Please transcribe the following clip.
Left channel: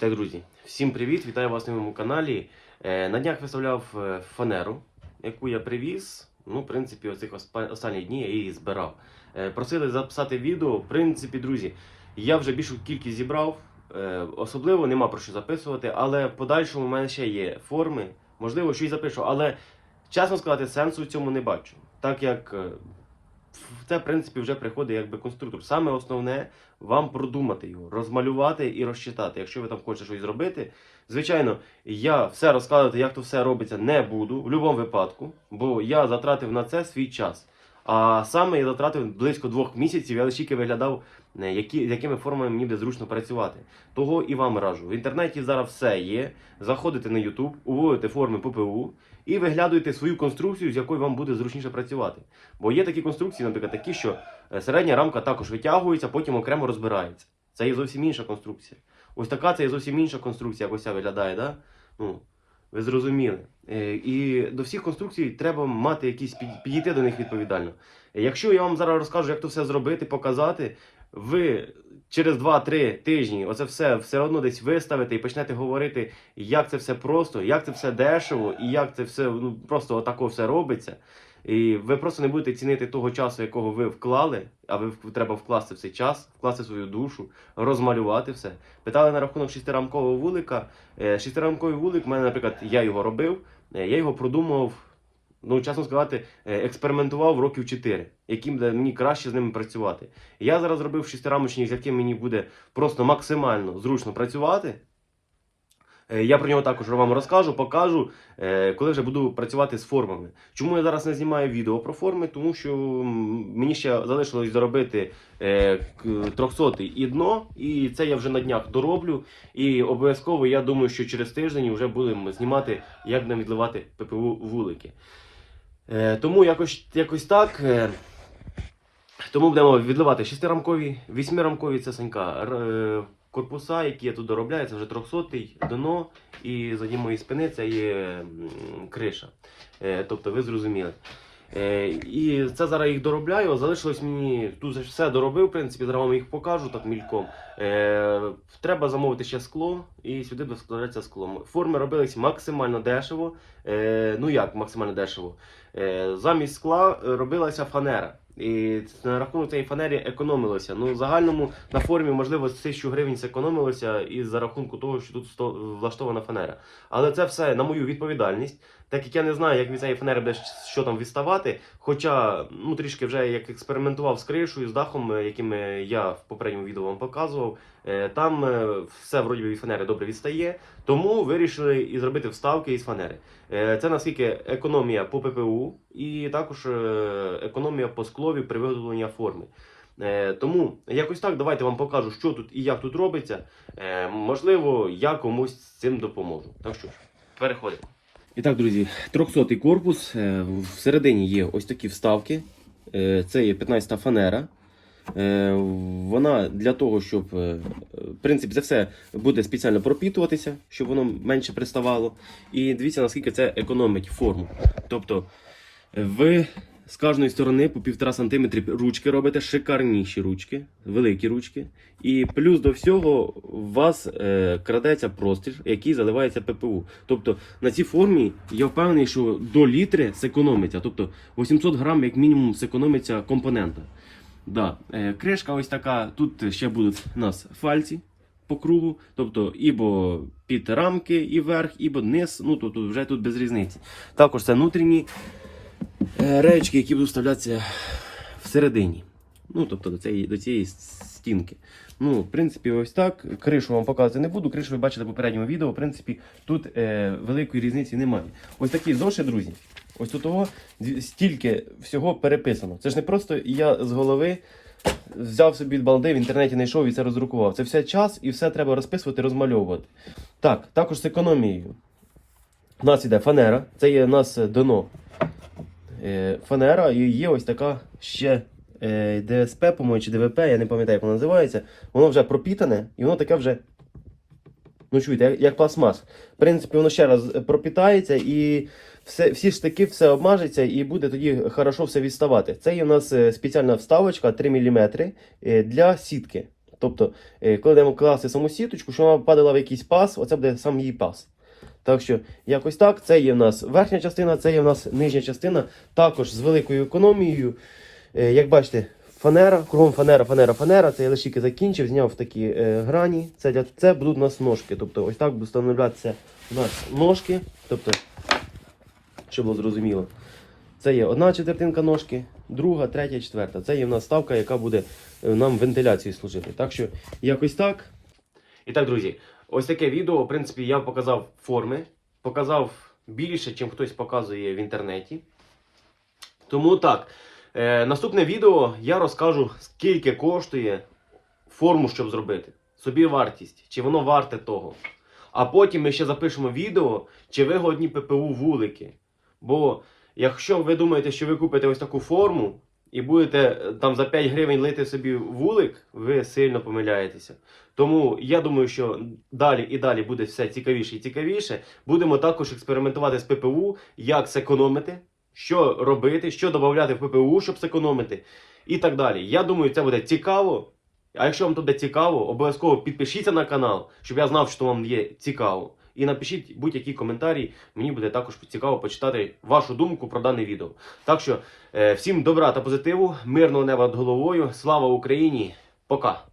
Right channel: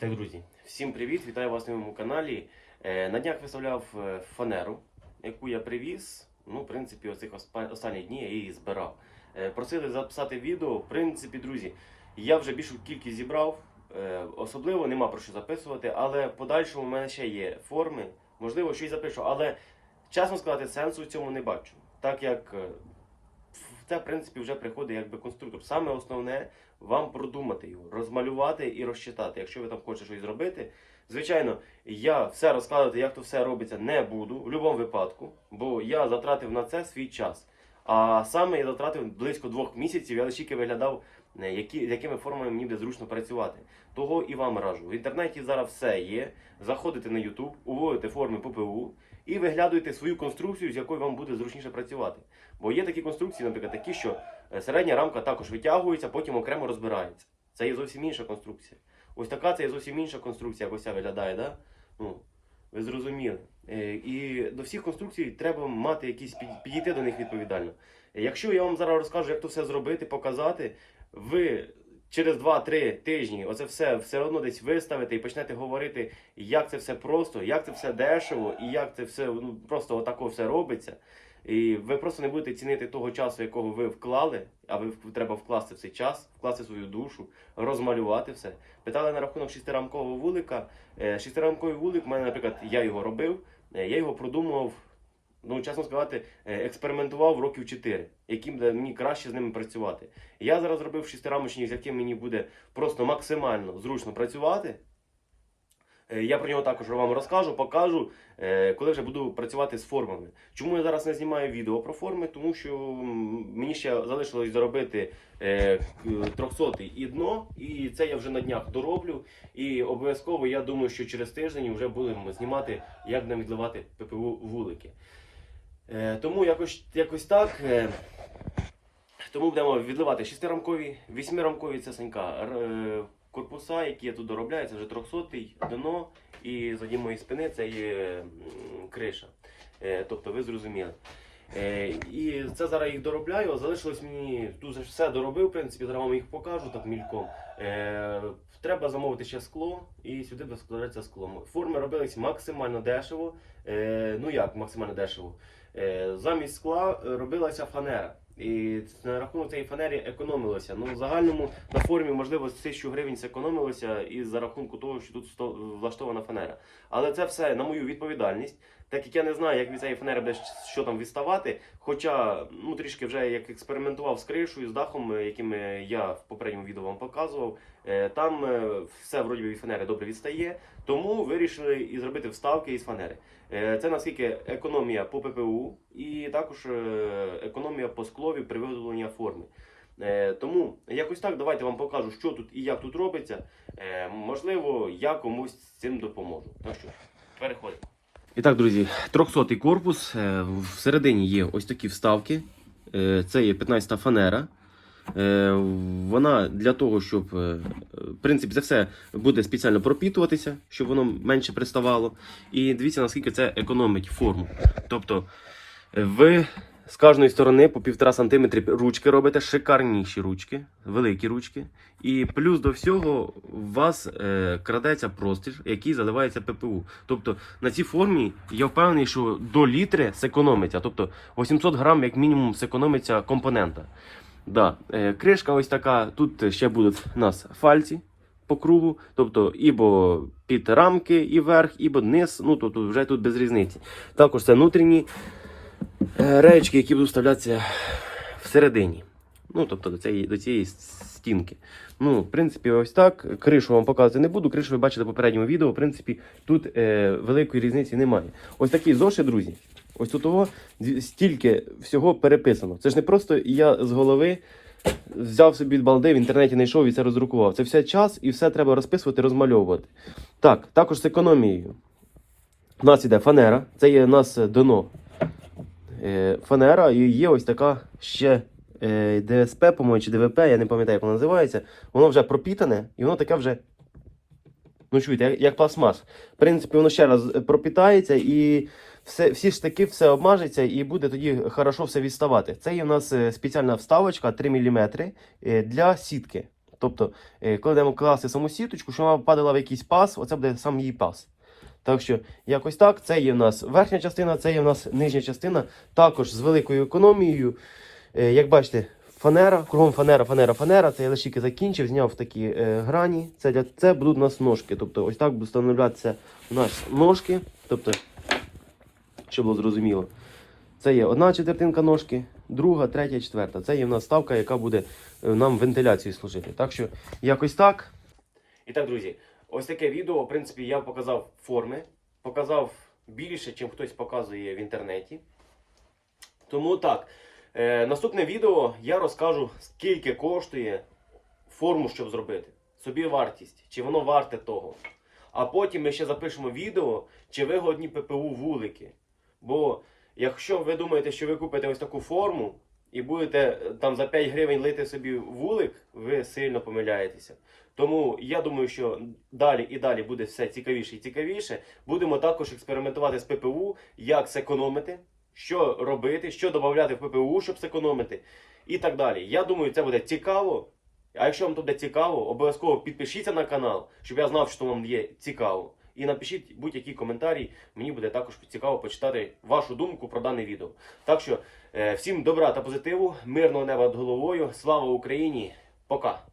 Так, друзі, всім привіт! Вітаю вас на моєму каналі. Е, На днях виставляв е, фанеру, яку я привіз. Ну, в принципі, оцих оспа- останні дні я її збирав. Е, Просили записати відео. В принципі, друзі, я вже більшу кількість зібрав. Особливо нема про що записувати, але в подальшому в мене ще є форми. Можливо, щось запишу, але чесно сказати, сенсу в цьому не бачу. Так як це, в принципі, вже приходить якби конструктор. Саме основне вам продумати його, розмалювати і розчитати. Якщо ви там хочете щось зробити. Звичайно, я все розкладати, як то все робиться, не буду в будь-якому випадку, бо я затратив на це свій час. А саме я затратив близько двох місяців, я лише виглядав, які, з якими формами мені зручно працювати. Того і вам раджу. В інтернеті зараз все є. Заходите на YouTube, уводите форми ППУ і виглядуєте свою конструкцію, з якою вам буде зручніше працювати. Бо є такі конструкції, наприклад, такі, що е, середня рамка також витягується, потім окремо розбирається. Це є зовсім інша конструкція. Ось така це є зовсім інша конструкція, як ось ця виглядає, да? Ну, ви зрозуміли. Е, І до всіх конструкцій треба мати якісь під- підійти до них відповідально. Е, Якщо я вам зараз розкажу, як то все зробити, показати, ви через 2-3 тижні оце все все одно десь виставите і почнете говорити, як це все просто, як це все дешево, і як це все ну, просто отако все робиться. І ви просто не будете цінити того часу, якого ви вклали, а ви треба вкласти в цей час, вкласти свою душу, розмалювати все. Питали на рахунок шестирамкового вулика. Е, Шестирамковий вулик, в мене, наприклад, я його робив, е, я його продумував, ну, чесно сказати, е, експериментував років 4, яким мені краще з ними працювати. Я зараз зробив шестирамочник, з яким мені буде просто максимально зручно працювати. Е, Я про нього також вам розкажу, покажу, е, коли вже буду працювати з формами. Чому я зараз не знімаю відео про форми? Тому що мені ще залишилось доробити е, 300 і дно, і це я вже на днях дороблю. І обов'язково я думаю, що через тиждень вже будемо знімати, як нам відливати ППУ вулики. Е, Тому якось, якось так. е, Тому будемо відливати шестирамкові, вісьмирамкові це санька. е, Корпуса, які я тут доробляю, це вже 300-й дно, і за моєї спини це є криша. Тобто ви зрозуміли. І це зараз їх доробляю. Залишилось мені тут все доробив, в принципі, зараз вам їх покажу так мільком. Треба замовити ще скло, і сюди буде складатися скло. Форми робились максимально дешево. Ну як максимально дешево? Е, Замість скла е, робилася фанера. І на рахунок цієї фанери економилося. Ну, в загальному на формі, можливо, з 1000 гривень зекономилося і за рахунку того, що тут влаштована фанера. Але це все на мою відповідальність. Так як я не знаю, як від цієї фанери буде що там відставати. Хоча ну, трішки вже як експериментував з кришою, з дахом, е, яким е, я в попередньому відео вам показував, е, там все вроді від фанери добре відстає. Тому вирішили і зробити вставки із фанери. Це наскільки економія по ППУ і також е, економія по склові при виготовленні форми. Е, Тому якось так давайте вам покажу, що тут і як тут робиться. Е, Можливо, я комусь з цим допоможу. Так що переходимо. І так, друзі, 300 корпус. Всередині є ось такі вставки. Це є 15-та фанера. Вона для того, щоб в принципі це все буде спеціально пропітуватися, щоб воно менше приставало. І дивіться, наскільки це економить форму. Тобто ви з кожної сторони по 1,5 см ручки робите, шикарніші ручки, великі ручки. І плюс до всього у вас е, крадеться простір, який заливається ППУ. Тобто на цій формі я впевнений, що до літри зекономиться. Тобто 800 грам як мінімум зекономиться компонента. Да. Е, кришка ось така. Тут ще будуть у нас фальці по кругу, тобто ібо під рамки і верх, ібо низ. Ну тут вже тут без різниці. Також це внутрішні реєчки, які будуть вставлятися всередині. Ну, тобто до цієї, до цієї стінки. Ну, в принципі, ось так. Кришу вам показувати не буду. Кришу ви бачите в попередньому відео. В принципі, тут е, великої різниці немає. Ось такі зошит, друзі. Ось тут того стільки всього переписано. Це ж не просто я з голови взяв собі балди, в інтернеті знайшов і це роздрукував. Це все час і все треба розписувати, розмальовувати. Так, також з економією. У нас іде фанера, це є у нас е, дно. Е, фанера і є ось така ще е, ДСП, по-моєму, чи ДВП, я не пам'ятаю, як воно називається. Воно вже пропітане і воно таке вже. Ну, чуєте, як, як пластмас. В принципі, воно ще раз пропітається і все, всі штики все обмажеться і буде тоді хорошо все відставати. Це є у нас е, спеціальна вставочка 3 мм для сітки. Тобто, е, коли будемо класти саму сіточку, що вона падала в якийсь пас, оце буде сам її пас. Так що, якось так, це є в нас верхня частина, це є в нас нижня частина, також з великою економією. Е, як бачите, фанера, кругом фанера, фанера, фанера. Це я лише закінчив, зняв такі е, грані. Це, для, це будуть у нас ножки. Тобто ось так будуть встановлятися у нас ножки. Тобто, щоб було зрозуміло. Це є одна четвертинка ножки, друга, третя, четверта. Це є в нас ставка, яка буде е, нам вентиляції служити. Так що якось так. І так, друзі, ось таке відео, в принципі, я показав форми, показав більше, чим хтось показує в інтернеті. Тому так, е, наступне відео я розкажу, скільки коштує форму, щоб зробити. Собі вартість, чи воно варте того. А потім ми ще запишемо відео, чи вигодні ППУ вулики. Бо якщо ви думаєте, що ви купите ось таку форму і будете е, там за 5 гривень лити собі вулик, ви сильно помиляєтеся. Тому я думаю, що далі і далі буде все цікавіше і цікавіше. Будемо також експериментувати з ППУ, як зекономити, що робити, що додати в ППУ, щоб зекономити, і так далі. Я думаю, це буде цікаво. А якщо вам буде цікаво, обов'язково підпишіться на канал, щоб я знав, що вам є цікаво. І напишіть будь-які коментарі. Мені буде також цікаво почитати вашу думку про дане відео. Так що е, всім добра та позитиву, мирного неба над головою. Слава Україні! Пока!